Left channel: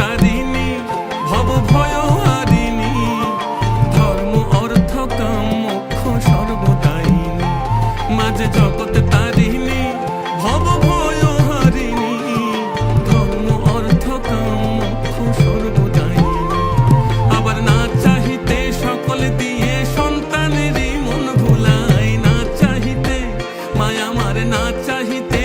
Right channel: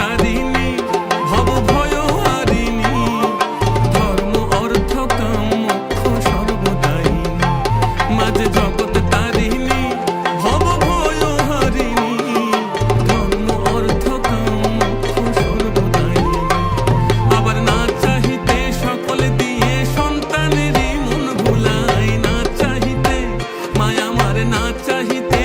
তারিণী, ভব ভয় হারিণী, ধর্ম অর্থ কাম মোক্ষ সর্বদায়িনী। মাঝে জগৎ তারিণী, ভব ভয় হারিণী, ধর্ম অর্থ কাম মোক্ষ সর্বদায়িনী। আবার না চাহিতে সকল দিয়ে সন্তানেরই মন ভুলাই, না চাহিতে মায়া আমার, না চাহিতে